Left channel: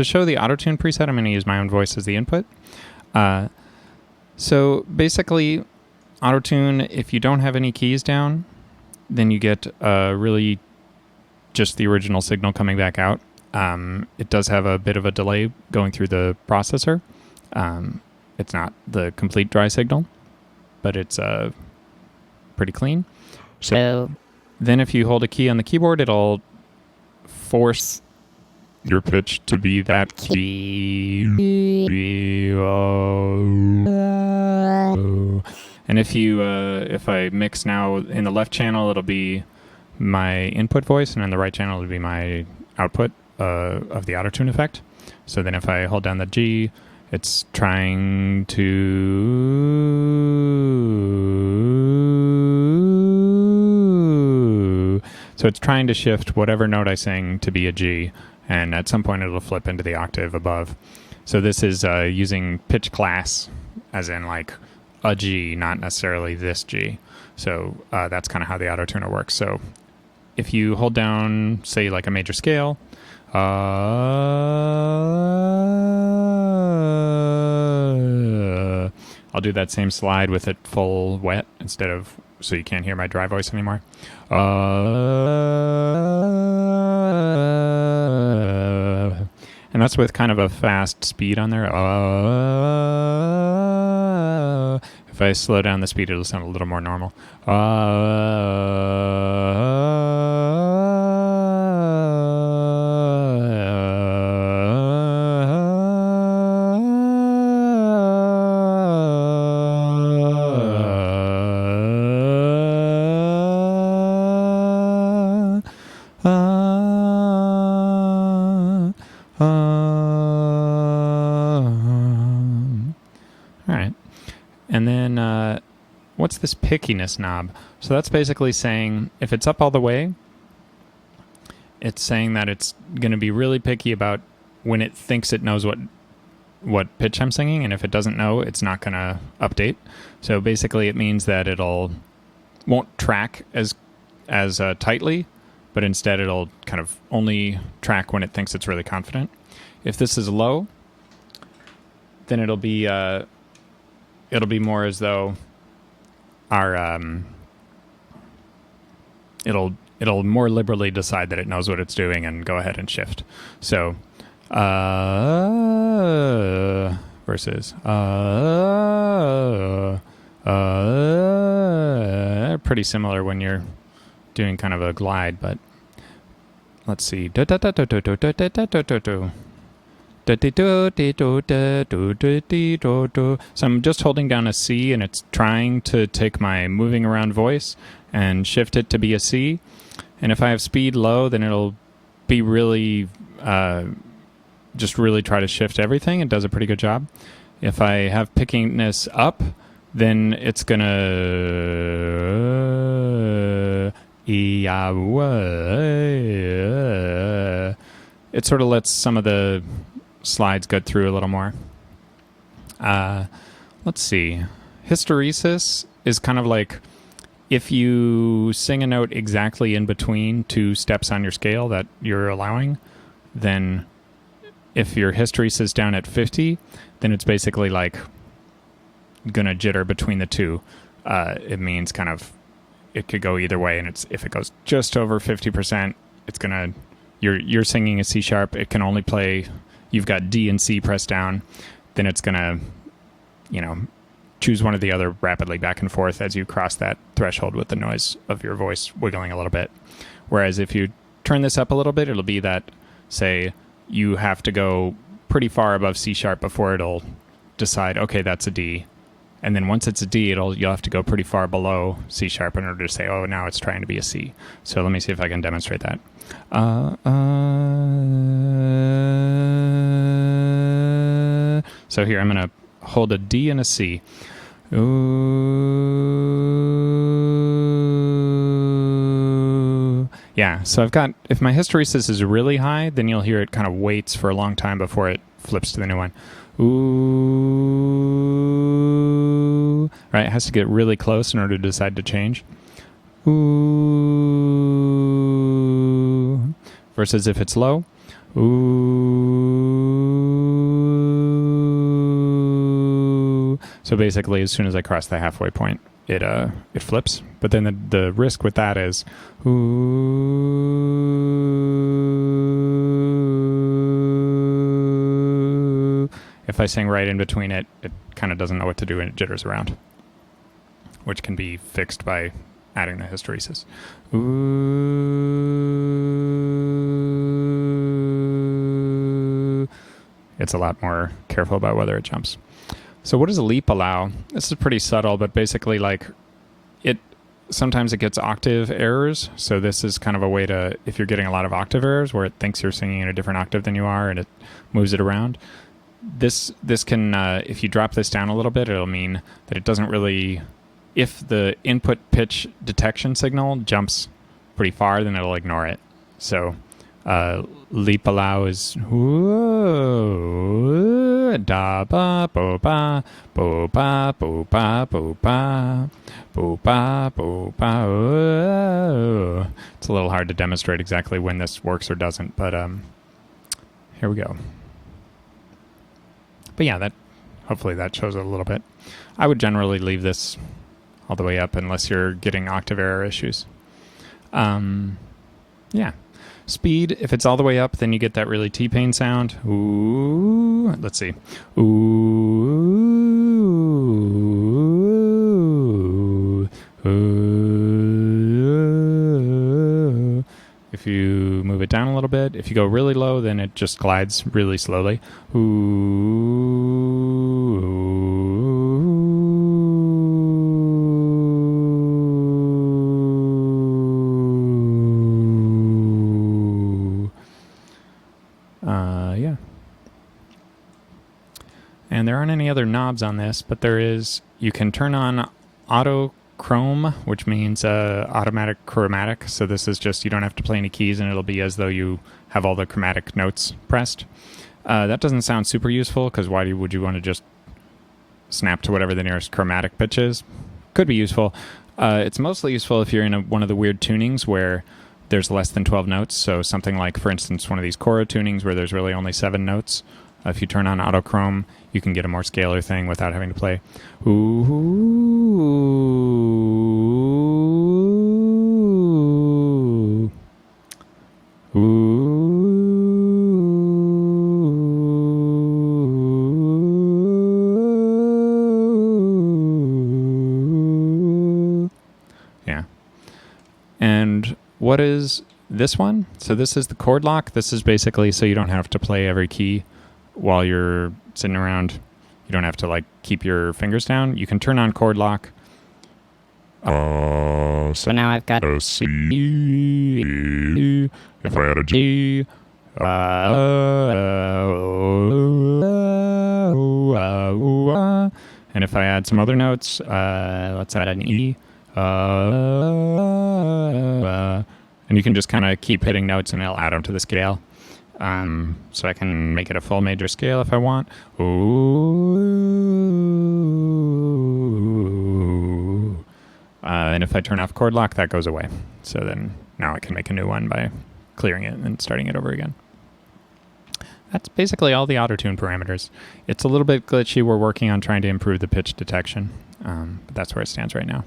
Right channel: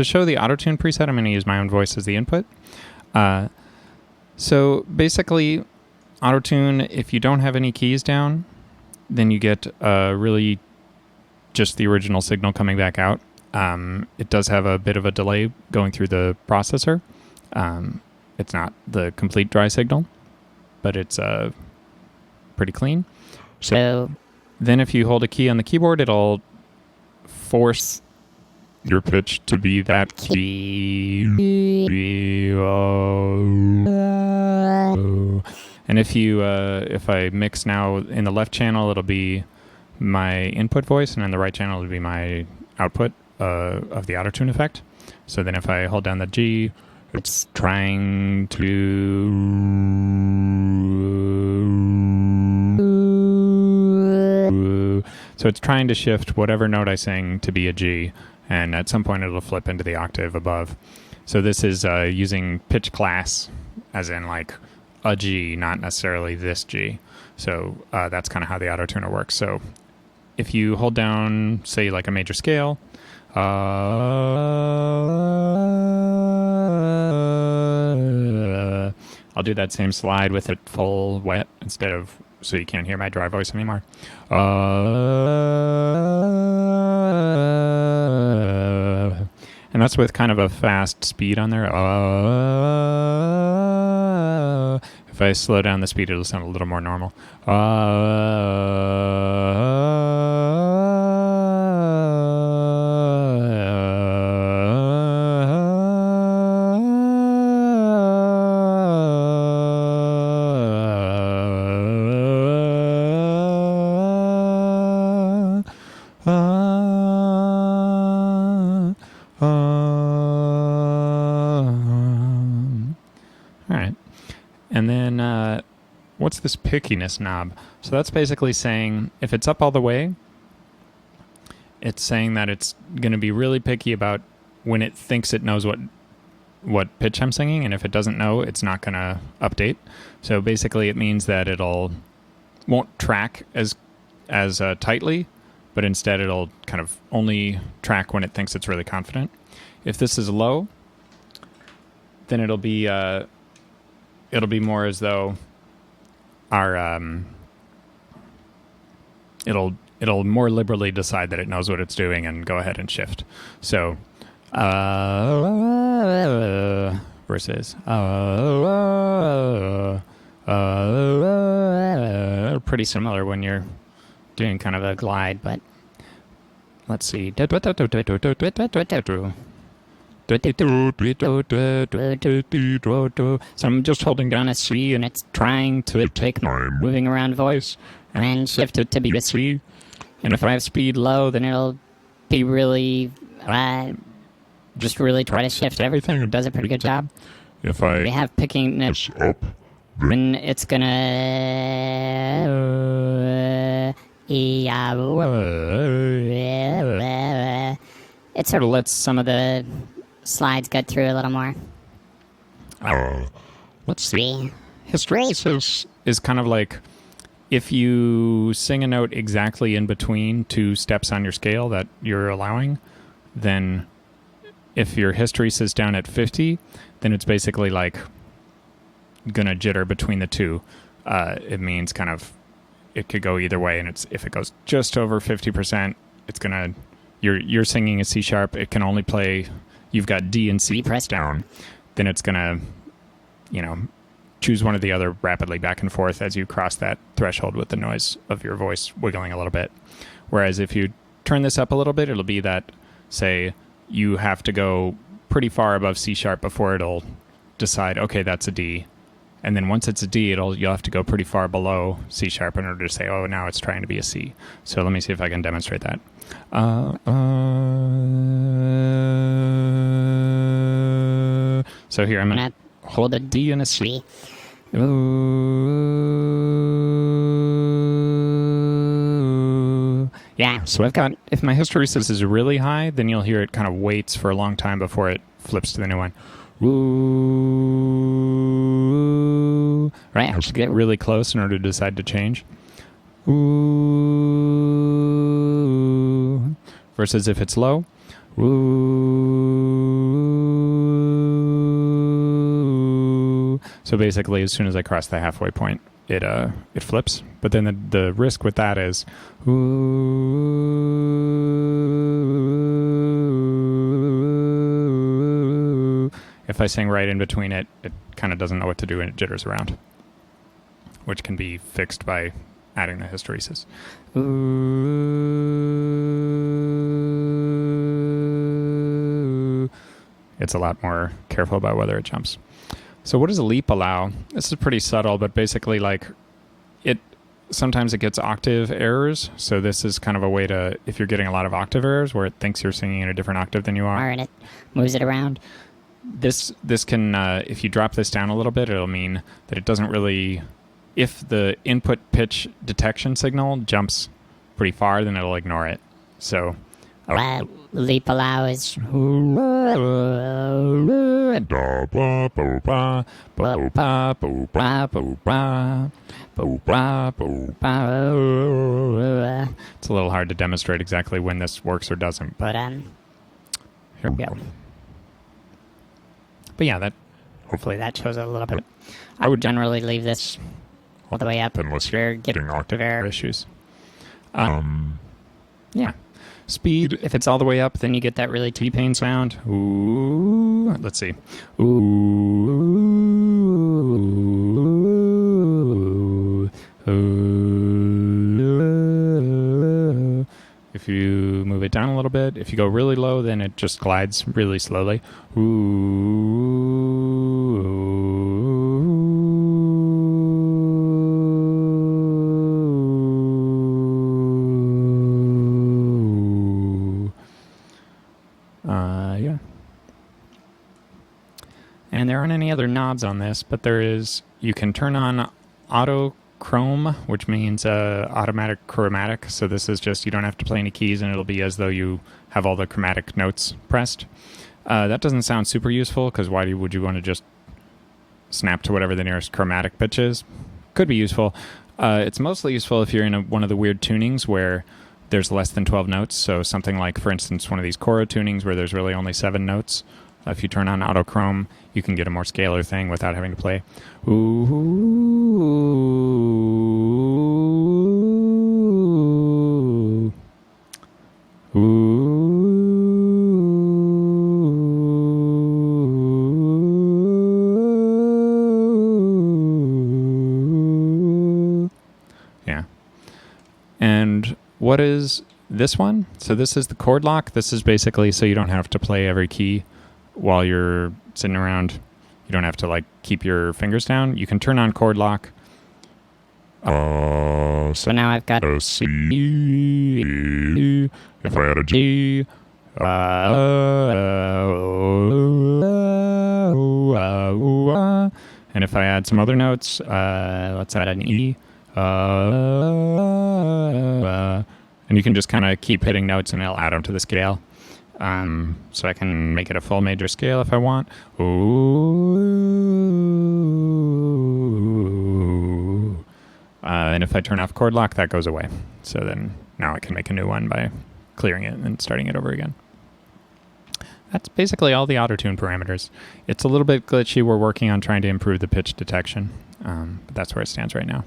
to show the Autotune preset, I'm going to use my own voice as the input. So basically, Autotune, if you don't have any keys down, then you get really just the original signal coming back out. It does have a bit of a delay going through the processor. It's not the complete dry signal, but it's pretty clean. So then if you hold a key on the keyboard, it'll force your pitch to be that key. And if I mix now in the left channel, it'll be my input voice, and in the right channel, it'll be my output of the Autotune effect. So then if I hold down the G, it's trying to... So it's trying to shift whatever note I sing to be a G, and at some point it'll flip into the octave above. So this is using pitch class, as in like a G, not necessarily this G. So that's kind of how the Autotuner works. So if you hold down, say, like a major scale, I'll do that same slide with it full wet instead of, so you can't hear my dry voice anymore. And that's with kind of a fast speed on there. If I slow down the speed, it'll sound a little more normal. Alright. And then, what's this pickiness knob? So that's basically saying, if it's up all the way, it's saying that it's going to be really picky about when it thinks it knows what pitch I'm singing, and if it doesn't know, it's not going to update. So basically it means that won't track as tightly, but instead it'll kind of only track when it thinks it's really confident. If this is low, then it'll be more as though our it'll more liberally decide that it knows what it's doing and go ahead and shift. So versus pretty similar when you're doing kind of a glide, but let's see. So I'm just holding down a C, and it's trying to take my moving around voice and shift it to be a C. And if I have speed low, then it'll be really, just really try to shift everything. It does a pretty good job. If I have pickiness up, then it's gonna... It sort of lets some of the slides get through a little more. Let's see. Hysteresis is kind of like if you sing a note exactly in between two steps on your scale that you're allowing, then if your hysteresis is down at 50, then it's basically like gonna jitter between the two. It means kind of it could go either way, and if it goes just over 50%, it's gonna you're singing a C sharp. It can only play. You've got D and C pressed down. Then it's gonna, choose one or the other rapidly back and forth as you cross that threshold with the noise of your voice wiggling a little bit. Whereas if you turn this up a little bit, it'll be that, say, you have to go pretty far above C sharp before it'll decide, okay, that's a D. And then once it's a D, you'll have to go pretty far below C sharp in order to say, oh, now it's trying to be a C. So let me see if I can demonstrate that. So here, I'm going to hold a D and a C. Ooh. Yeah, so I've got, if my hysteresis is really high, then you'll hear it kind of waits for a long time before it flips to the new one. Ooh. Right, it has to get really close in order to decide to change. Ooh. Versus if it's low. Ooh. So basically, as soon as I cross the halfway point, it flips. But then the risk with that is, if I sing right in between it, it kind of doesn't know what to do and it jitters around, which can be fixed by adding the hysteresis. It's a lot more careful about whether it jumps. So what does a leap allow? This is pretty subtle, but basically like sometimes it gets octave errors. So this is kind of a way to, if you're getting a lot of octave errors where it thinks you're singing in a different octave than you are, and it moves it around. This can, if you drop this down a little bit, it'll mean that it doesn't really, if the input pitch detection signal jumps pretty far, then it'll ignore it. So leap allow is da ba bo ba bo ba bo ba bo ba bo ba bo ba. It's a little hard to demonstrate exactly when this works or doesn't, but here we go. But yeah, that hopefully that shows it a little bit. I would generally leave this all the way up unless you're getting octave error issues. Yeah. Speed, if it's all the way up, then you get that really T-Pain sound. Ooh. Let's see. Ooh. Ooh. If you move it down a little bit, if you go really low, then it just glides really slowly. Ooh. Yeah. And there aren't any other knobs on this, but there is, you can turn on auto chrome, which means automatic chromatic. So this is just, you don't have to play any keys and it'll be as though you have all the chromatic notes pressed. That doesn't sound super useful because why would you want to just snap to whatever the nearest chromatic pitch is? Could be useful. It's mostly useful if you're in one of the weird tunings where there's less than 12 notes. So something like, for instance, one of these choro tunings where there's really only 7 notes. If you turn on autochrome, you can get a more scalar thing without having to play. Ooh. Ooh. Yeah. And what is this one? So this is the chord lock. This is basically so you don't have to play every key while you're sitting around. You don't have to like keep your fingers down. You can turn on chord lock. So now I've got a C. If I had a G. And if I add some other notes, let's add an E. And you can just kind of keep hitting notes and it'll add them to the scale. So I can make it a full major scale if I want. Ooh. And if I turn off chord lock, that goes away. So then now I can make a new one by clearing it and starting it over again. That's basically all the Autotune parameters. It's a little bit glitchy. We're working on trying to improve the pitch detection, but that's where it stands right now.